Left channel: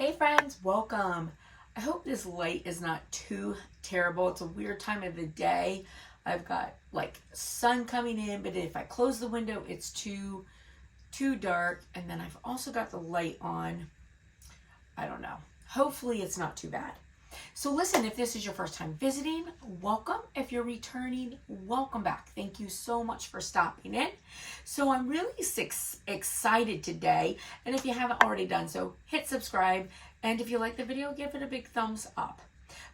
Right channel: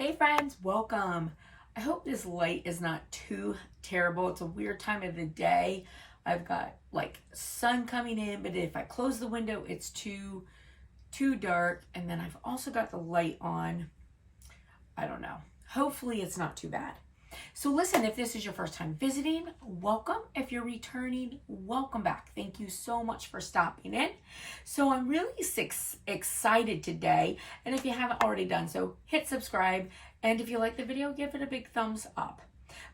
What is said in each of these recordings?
Hey friends, welcome. I hope this light is not too terrible. It's a weird time of the day. I've got like sun coming in, but if I close the window, it's too dark. And then I've also got the light on. I don't know. Hopefully it's not too bad. So listen, if this is your first time visiting, welcome. If you're returning, welcome back. Thank you so much for stopping in. So I'm really excited today. And if you haven't already done so, hit subscribe. And if you like the video, give it a big thumbs up.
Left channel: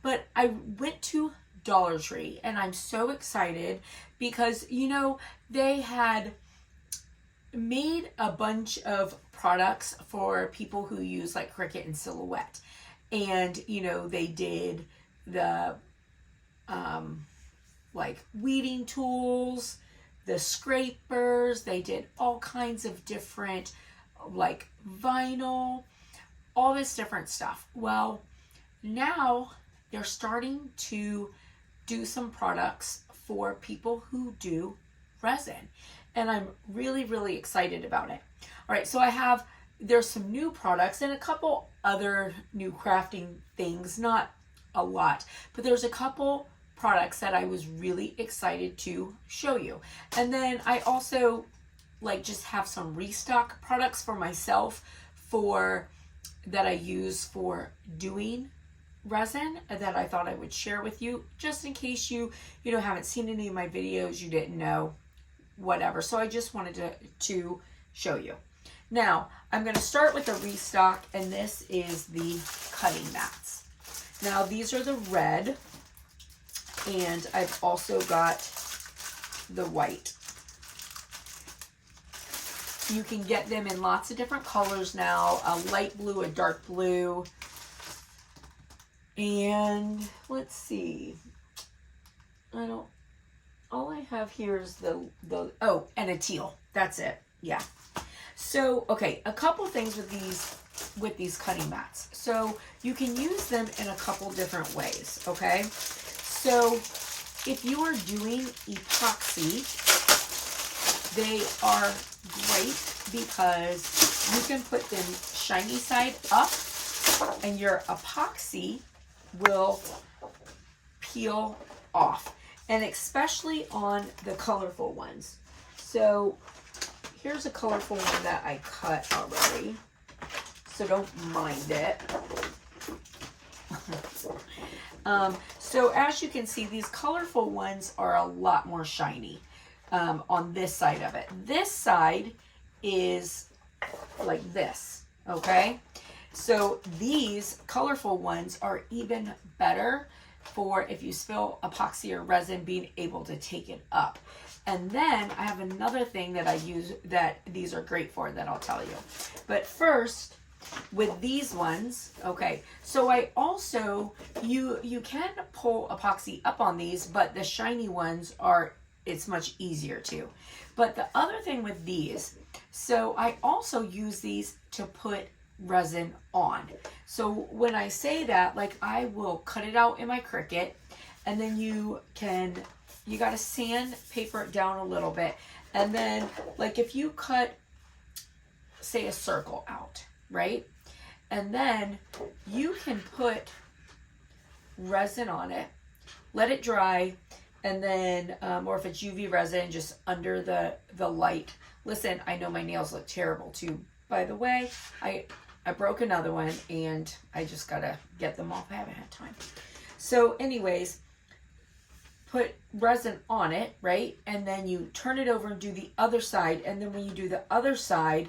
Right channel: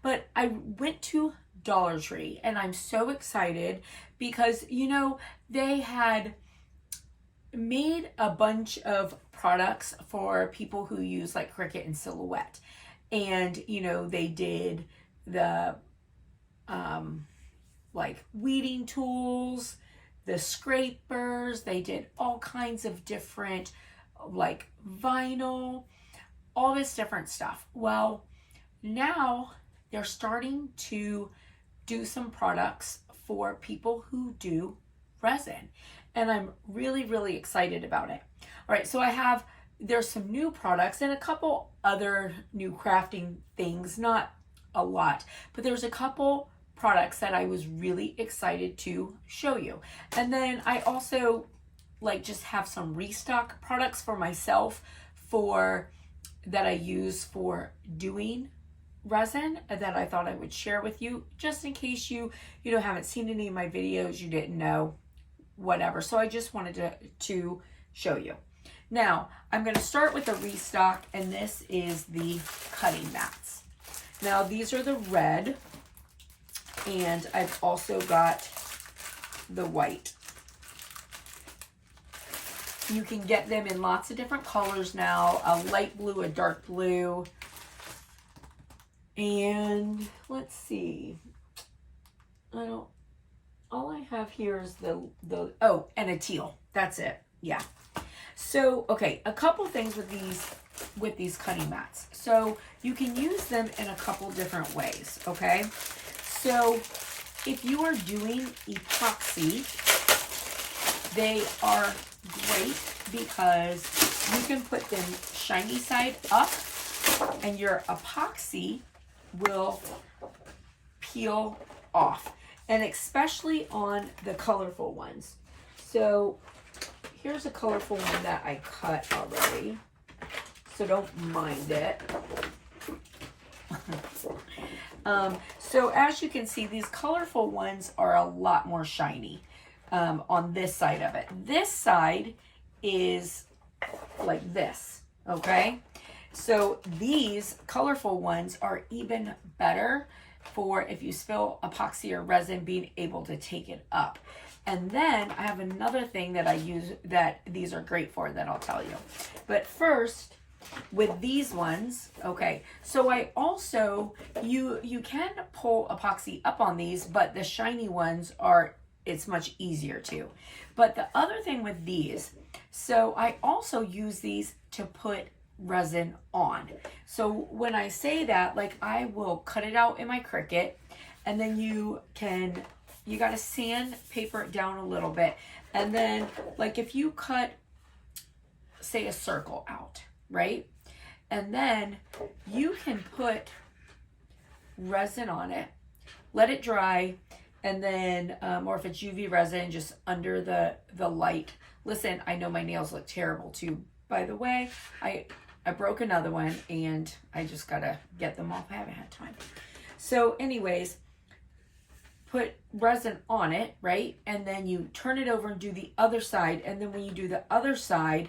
But I went to Dollar Tree and I'm so excited because, you know, they had made a bunch of products for people who use like Cricut and Silhouette. And, you know, they did the, like weeding tools, the scrapers, they did all kinds of different, like vinyl, all this different stuff. Well, now they're starting to do some products for people who do resin. And I'm really, really excited about it. All right, so there's some new products and a couple other new crafting things, not a lot, but there's a couple products that I was really excited to show you. And then I also like just have some restock products for myself that I use for doing resin that I thought I would share with you, just in case you haven't seen any of my videos, you didn't know, whatever. So I just wanted to show you. Now, I'm going to start with the restock, and this is the cutting mats. Now, these are the red, and I've also got the white. You can get them in lots of different colors now, a light blue, a dark blue, and let's see. All I have here is and a teal. That's it. Yeah. So, okay, a couple things with these cutting mats. So you can use them in a couple different ways, okay? So if you are doing epoxy, they are great because you can put them shiny side up and your epoxy will peel off, and especially on the colorful ones. So here's a colorful one that I cut already, so don't mind it. So as you can see, these colorful ones are a lot more shiny on this side of it. This side is like this, okay? So these colorful ones are even better for if you spill epoxy or resin, being able to take it up. And then I have another thing that I use that these are great for that I'll tell you. But first, with these ones, okay, so I also, you can pull epoxy up on these, but the shiny ones it's much easier to. But the other thing with these, so I also use these to put resin on. So when I say that, like I will cut it out in my Cricut, and then you got to sandpaper it down a little bit. And then like if you cut, say, a circle out, right? And then you can put resin on it, let it dry, and then, or if it's UV resin, just under the light. Listen, I know my nails look terrible too. By the way, I broke another one and I just gotta get them off. I haven't had time. So anyways, put resin on it, right? And then you turn it over and do the other side. And then when you do the other side,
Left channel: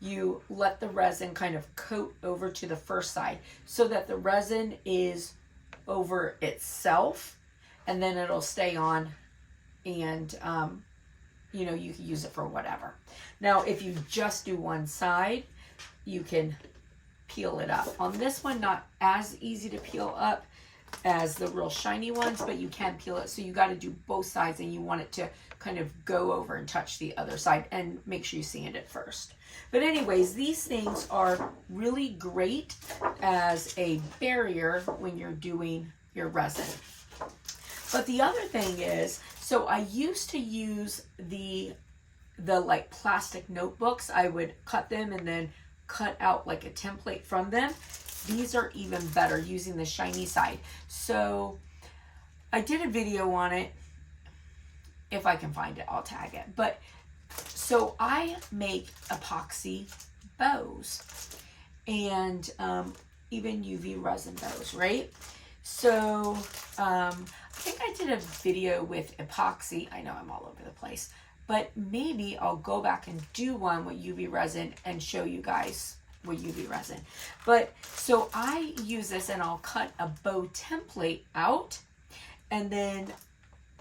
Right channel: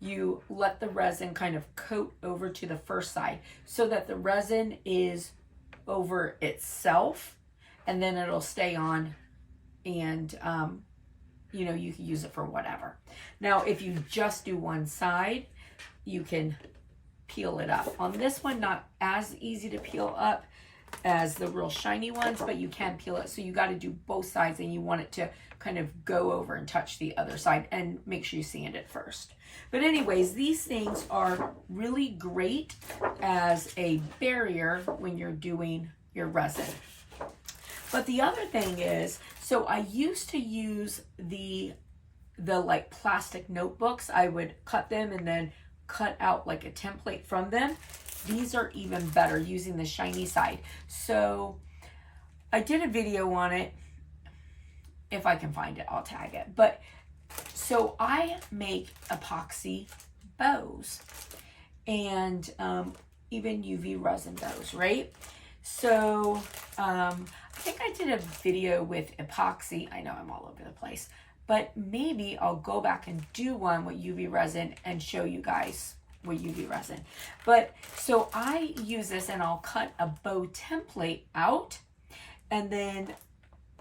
you let the resin kind of coat over to the first side so that the resin is over itself, and then it'll stay on, and you know, you can use it for whatever. Now, if you just do one side, you can peel it up. On this one, not as easy to peel up as the real shiny ones, but you can peel it. So you got to do both sides, and you want it to kind of go over and touch the other side, and make sure you sand it first. But anyways, these things are really great as a barrier when you're doing your resin. But the other thing is, so I used to use the like plastic notebooks. I would cut them and then cut out like a template from them, these are even better using the shiny side. So I did a video on it. If I can find it, I'll tag it. But so I make epoxy bows and even UV resin bows, right? So I think I did a video with epoxy. I know I'm all over the place, but maybe I'll go back and do one with UV resin and show you guys with UV resin. But so I use this and I'll cut a bow template out and then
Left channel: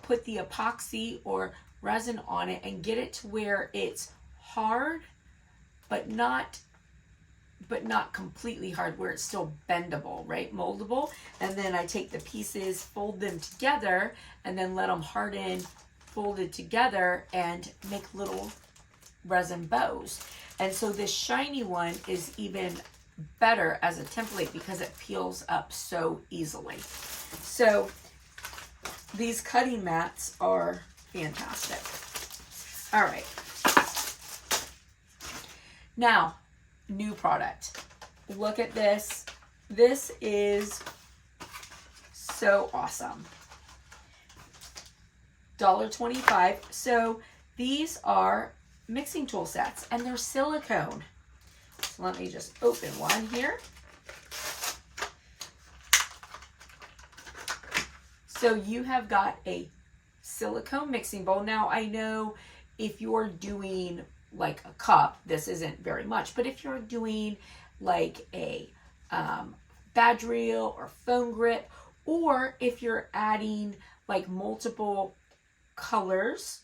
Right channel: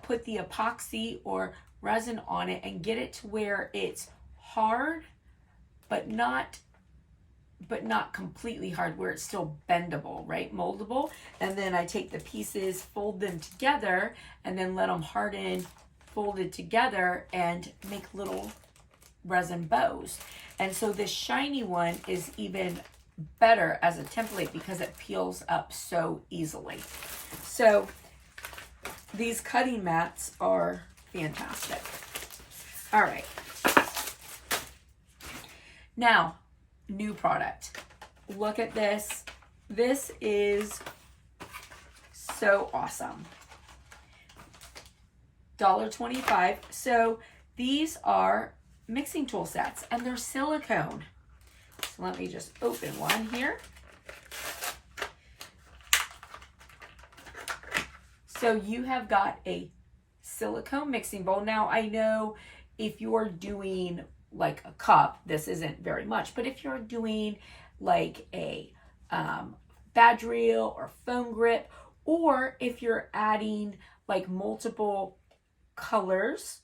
put the epoxy or resin on it and get it to where it's hard, but not completely hard, where it's still bendable, right? Moldable. And then I take the pieces, fold them together, and then let them harden, folded together, and make little resin bows. And so this shiny one is even better as a template because it peels up so easily. So these cutting mats are fantastic. All right. Now, new product. Look at this. This is so awesome. $1.25. So these are mixing tool sets and they're silicone. So let me just open one here. So you have got a silicone mixing bowl. Now I know if you're doing like a cup, this isn't very much, but if you're doing like a badge reel or foam grip, or if you're adding like multiple colors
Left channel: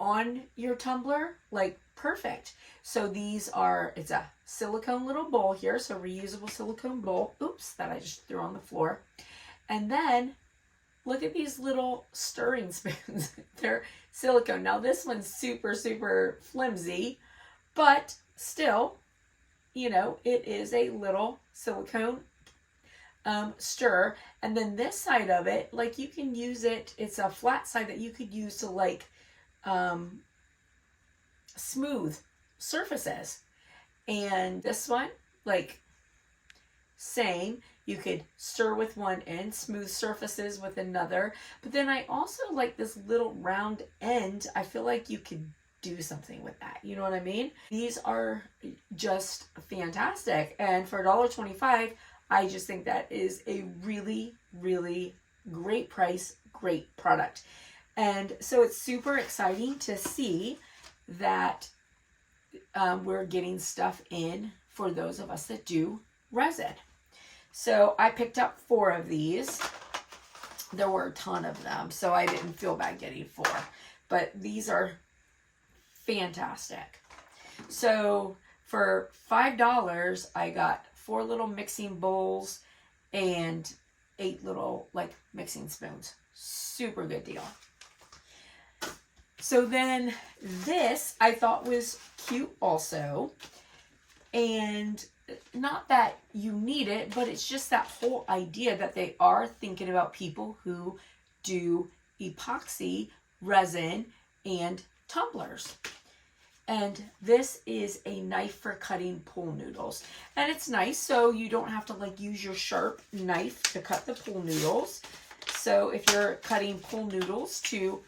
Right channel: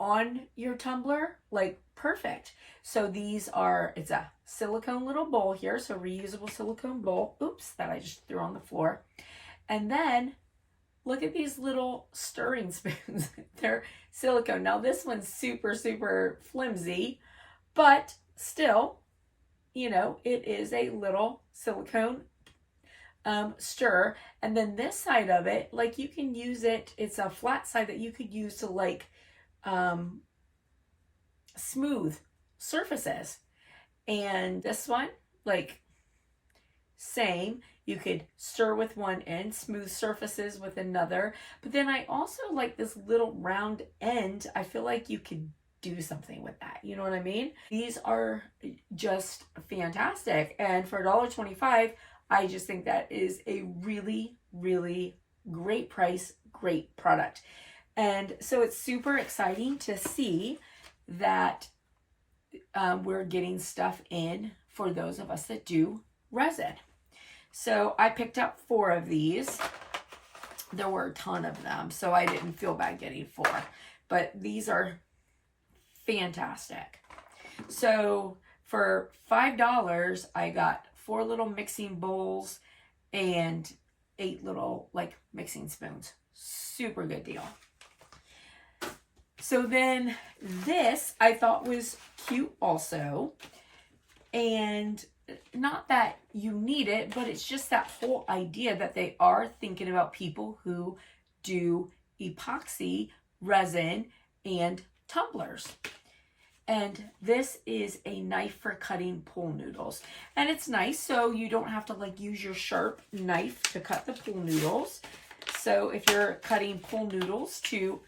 on your tumbler, like perfect. So these are, it's a silicone little bowl here, so reusable silicone bowl. Oops, that I just threw on the floor. And then look at these little stirring spoons. They're silicone. Now this one's super, super flimsy, but still, you know, it is a little silicone stir. And then this side of it, like you can use it, it's a flat side that you could use to like smooth surfaces. And this one, like same, you could stir with one end, smooth surfaces with another. But then I also like this little round end. I feel like you could do something with that. You know what I mean? These are just fantastic. And for $1.25, I just think that is a really, really great price, great product. And so it's super exciting to see that we're getting stuff in for those of us that do resin. So I picked up 4 of these. There were a ton of them, so I didn't feel bad getting 4. But these are fantastic. So for $5, I got 4 little mixing bowls and 8 little like mixing spoons. Super good deal. So then this I thought was cute also. And not that you need it, but it's just that whole idea that they are thinking about people who do epoxy, resin, and tumblers. And this is a knife for cutting pool noodles. And it's nice, so you don't have to like use your sharp knife to cut the pool noodles. So if you're cutting pool noodles to,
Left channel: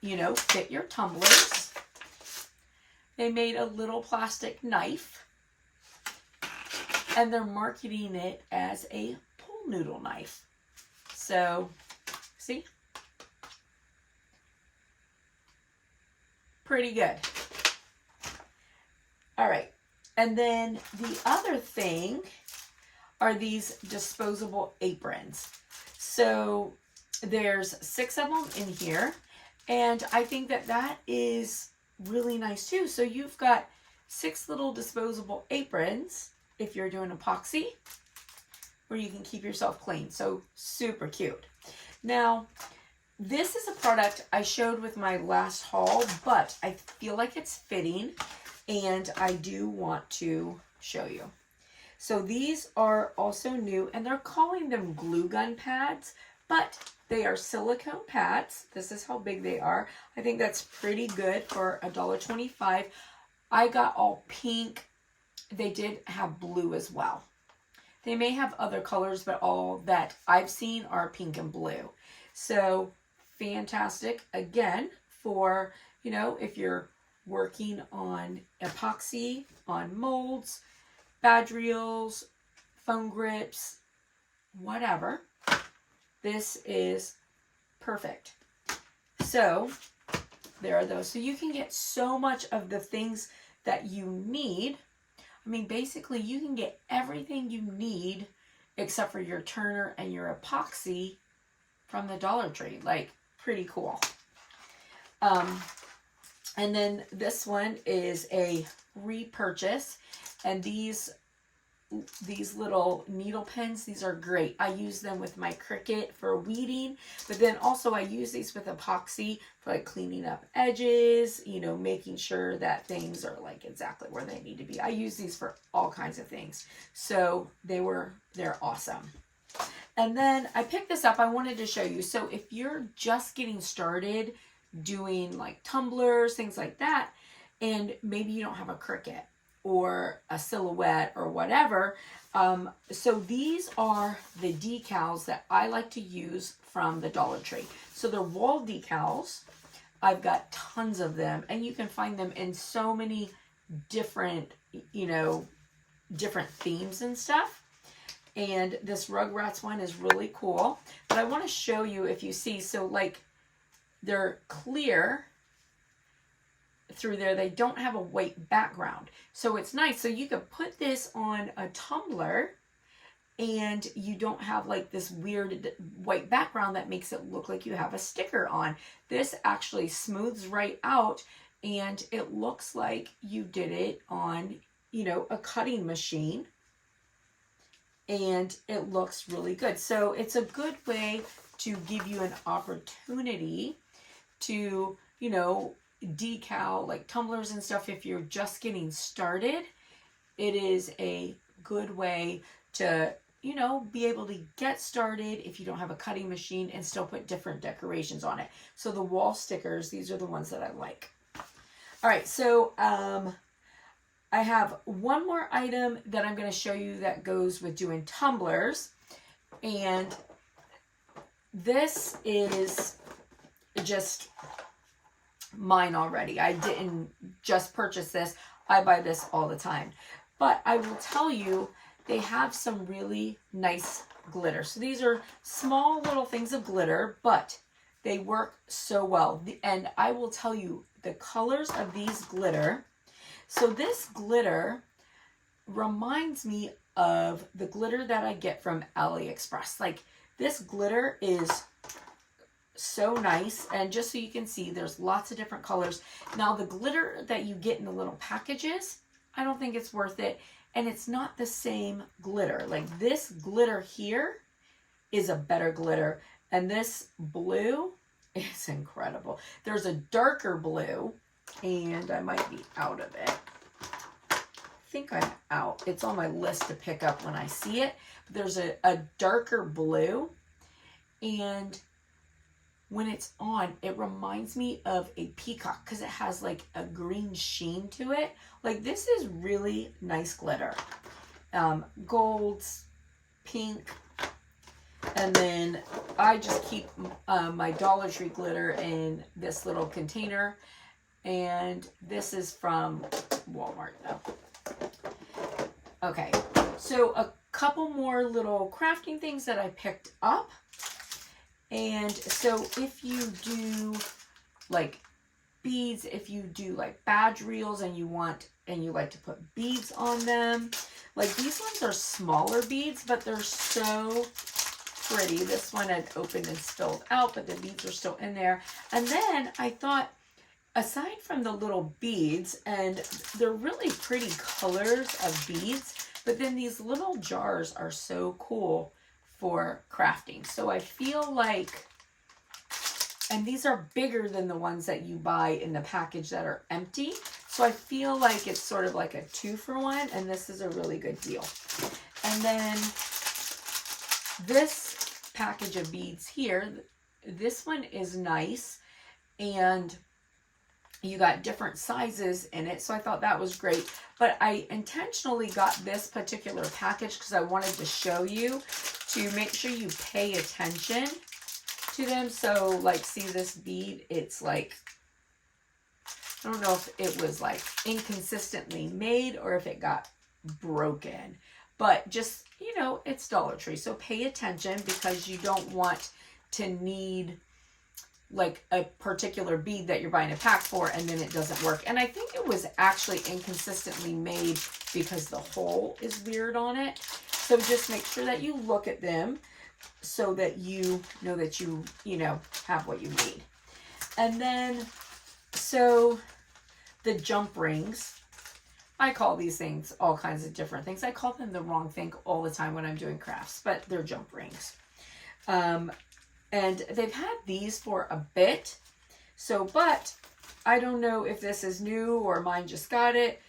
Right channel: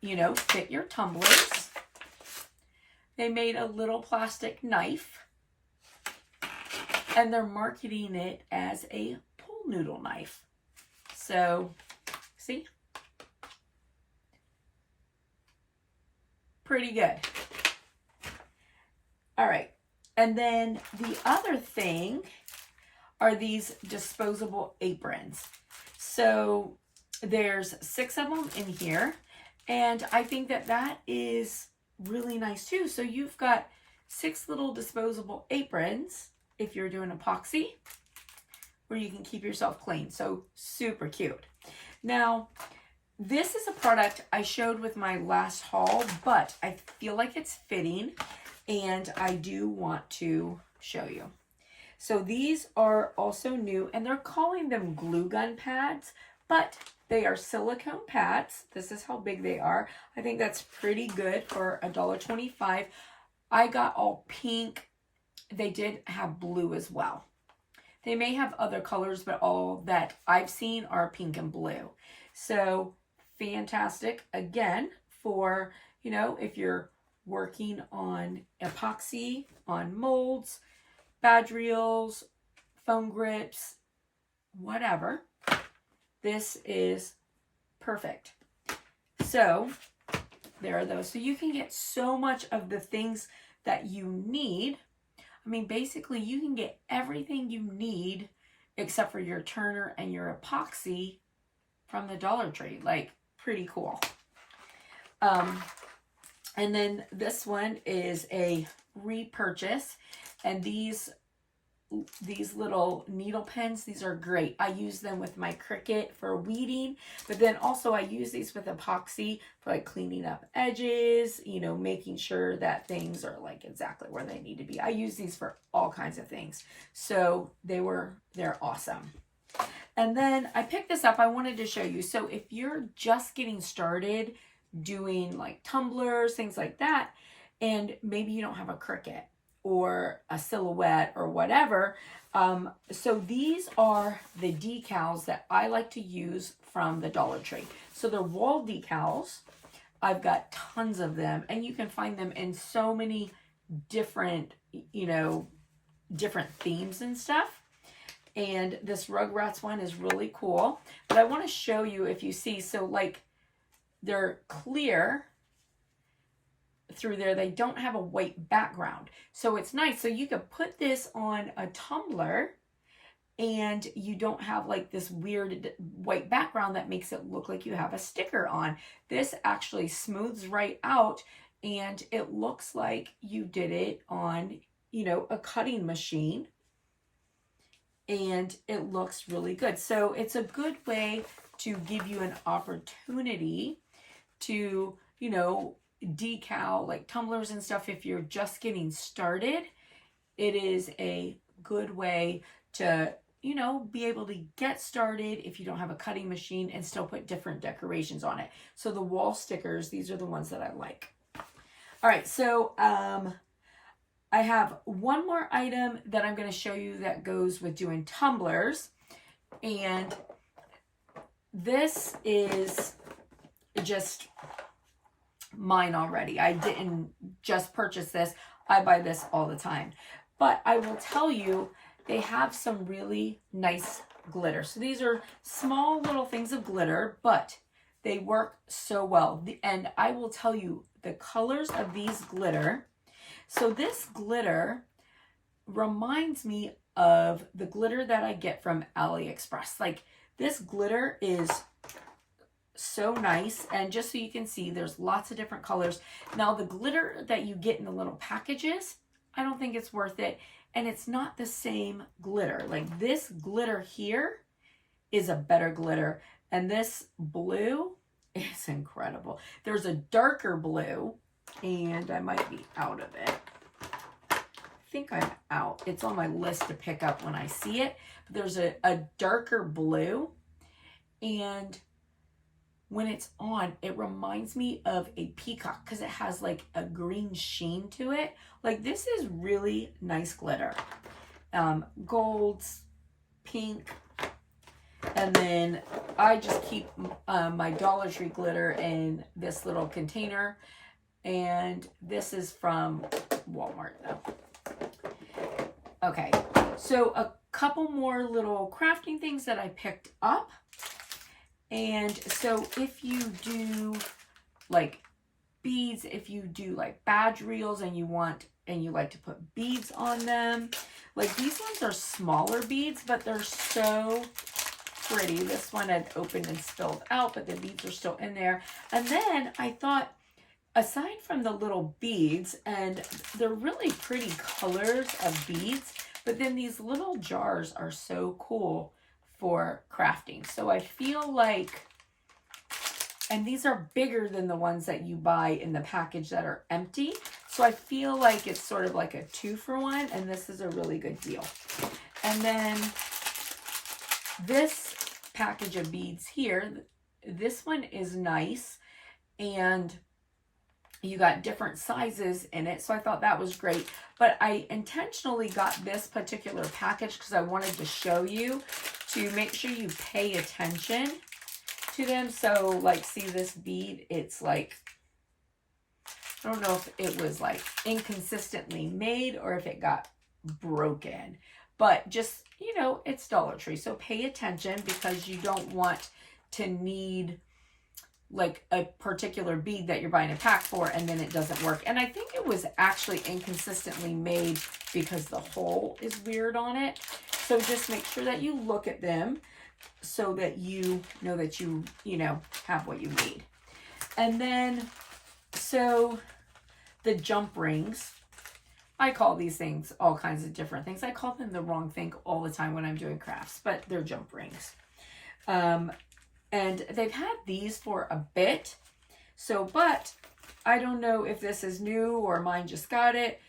you know, fit your tumblers, they made a little plastic knife. And they're marketing it as a pool noodle knife. So, see? Pretty good. All right. And then the other thing are these disposable aprons. So there's 6 of them in here. And I think that that is really nice too. So you've got 6 little disposable aprons if you're doing epoxy, where you can keep yourself clean. So super cute. Now, this is a product I showed with my last haul, but I feel like it's fitting and I do want to show you. So these are also new and they're calling them glue gun pads, but they are silicone pads. This is how big they are. I think that's pretty good for $1.25. I got all pink they did have blue as well. They may have other colors, but all that I've seen are pink and blue. So fantastic, again, for, you know, if you're working on epoxy, on molds, badge reels, foam grips, whatever. This is perfect. So there are those. So you can get so much of the things that you need. I mean, basically you can get everything you need except for your turner and your epoxy from the Dollar Tree. Like, pretty cool. And then this one is a repurchase, and these little needle pens, these are great. I use them with my Cricut for weeding, but then also I use these with epoxy for like cleaning up edges, you know, making sure that things are like exactly where they need to be. I use these for all kinds of things. So they're awesome. And then I picked this up. I wanted to show you. So if you're just getting started doing like tumblers, things like that, and maybe you don't have a Cricut or a Silhouette or whatever. So these are the decals that I like to use from the Dollar Tree. So they're wall decals. I've got tons of them, and you can find them in so many different, you know, different themes and stuff. And this Rugrats one is really cool. But I want to show you, if you see, so like they're clear through there. They don't have a white background. So it's nice. So you could put this on a tumbler and you don't have like this weird white background that makes it look like you have a sticker on. This actually smooths right out and it looks like you did it on, you know, a cutting machine. And it looks really good. So it's a good way to give you an opportunity to, you know, decal like tumblers and stuff. If you're just getting started, it is a good way to, you know, be able to get started if you don't have a cutting machine and still put different decorations on it. So the wall stickers, these are the ones that I like. All right, so I have one more item that I'm going to show you that goes with doing tumblers, and this is just mine already. I didn't just purchase this. I buy this all the time. But I will tell you, they have some really nice glitter. So these are small little things of glitter, but they work so well. And I will tell you, the colors of these glitter. So this glitter reminds me of the glitter that I get from AliExpress. Like, this glitter is so nice, and just so you can see, there's lots of different colors. Now the glitter that you get in the little packages, I don't think it's worth it, and it's not the same glitter. Like, this glitter here is a better glitter, and this blue is incredible. There's a darker blue, and I might be out of it. I think I'm out. It's on my list to pick up when I see it. But there's a darker blue, and when it's on, it reminds me of a peacock because it has like a green sheen to it. Like, this is really nice glitter. Golds, pink, and then I just keep my Dollar Tree glitter in this little container. And this is from Walmart though. Okay, so a couple more little crafting things that I picked up. And so if you do like beads, if you do like badge reels and you like to put beads on them, like these ones are smaller beads, but they're so pretty. This one had opened and spilled out, but the beads are still in there. And then I thought, aside from the little beads, and they're really pretty colors of beads, but then these little jars are so cool for crafting. So I feel like, and these are bigger than the ones that you buy in the package that are empty. So I feel like it's sort of like a 2-for-1, and this is a really good deal. And then this package of beads here, this one is nice, and you got different sizes in it. So I thought that was great. But I intentionally got this particular package because I wanted to show you, to make sure you pay attention to them. So like, see this bead, it's like, I don't know if it was like inconsistently made or if it got broken, but just, you know, it's Dollar Tree. So pay attention, because you don't want to need like a particular bead that you're buying a pack for and then it doesn't work. And I think it was actually inconsistently made because the hole is weird on it. So just make sure that you look at them so that you know that you know, have what you need. And then, so the jump rings, I call these things all kinds of different things. I call them the wrong thing all the time when I'm doing crafts, but they're jump rings. And they've had these for a bit. So, but I don't know if this is new or mine just got it.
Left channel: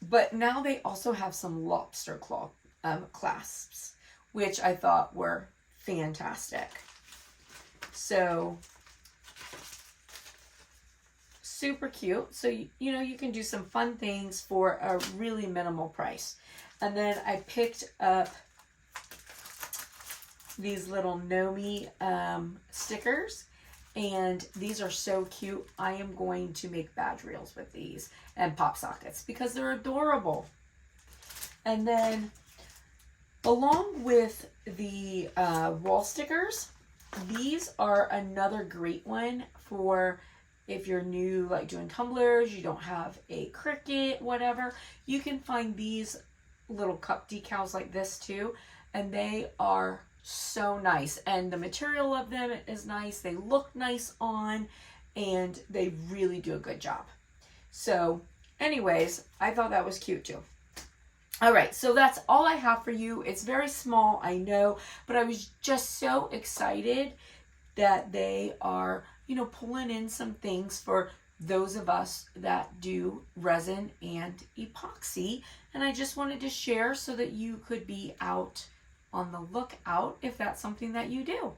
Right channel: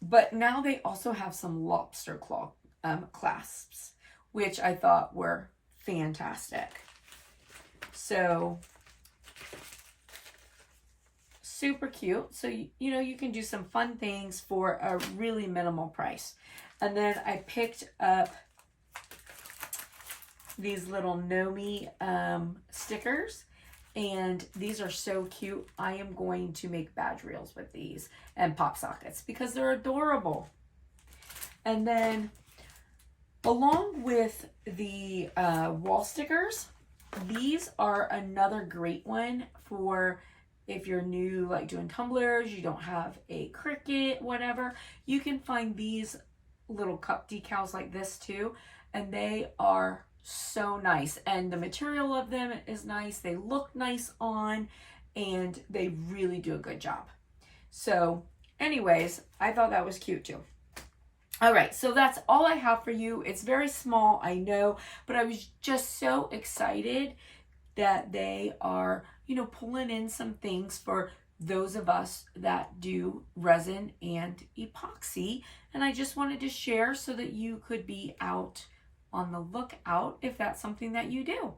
But now they also have some lobster claw clasps, which I thought were fantastic. So, super cute. So, you know, you can do some fun things for a really minimal price. And then I picked up these little Nomi stickers, and these are so cute. I am going to make badge reels with these and pop sockets because they're adorable. And then along with the wall stickers, these are another great one for if you're new, like doing tumblers, you don't have a Cricut, whatever. You can find these little cup decals like this too, and they are so nice, and the material of them is nice. They look nice on, and they really do a good job. So anyways, I thought that was cute too. All right, so that's all I have for you. It's very small, I know, but I was just so excited that they are, you know, pulling in some things for those of us that do resin and epoxy. And I just wanted to share so that you could be out on the lookout if that's something that you do.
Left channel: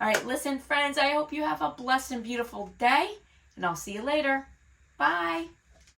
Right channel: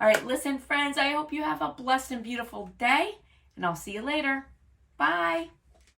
All right, listen, friends, I hope you have a blessed and beautiful day, and I'll see you later. Bye.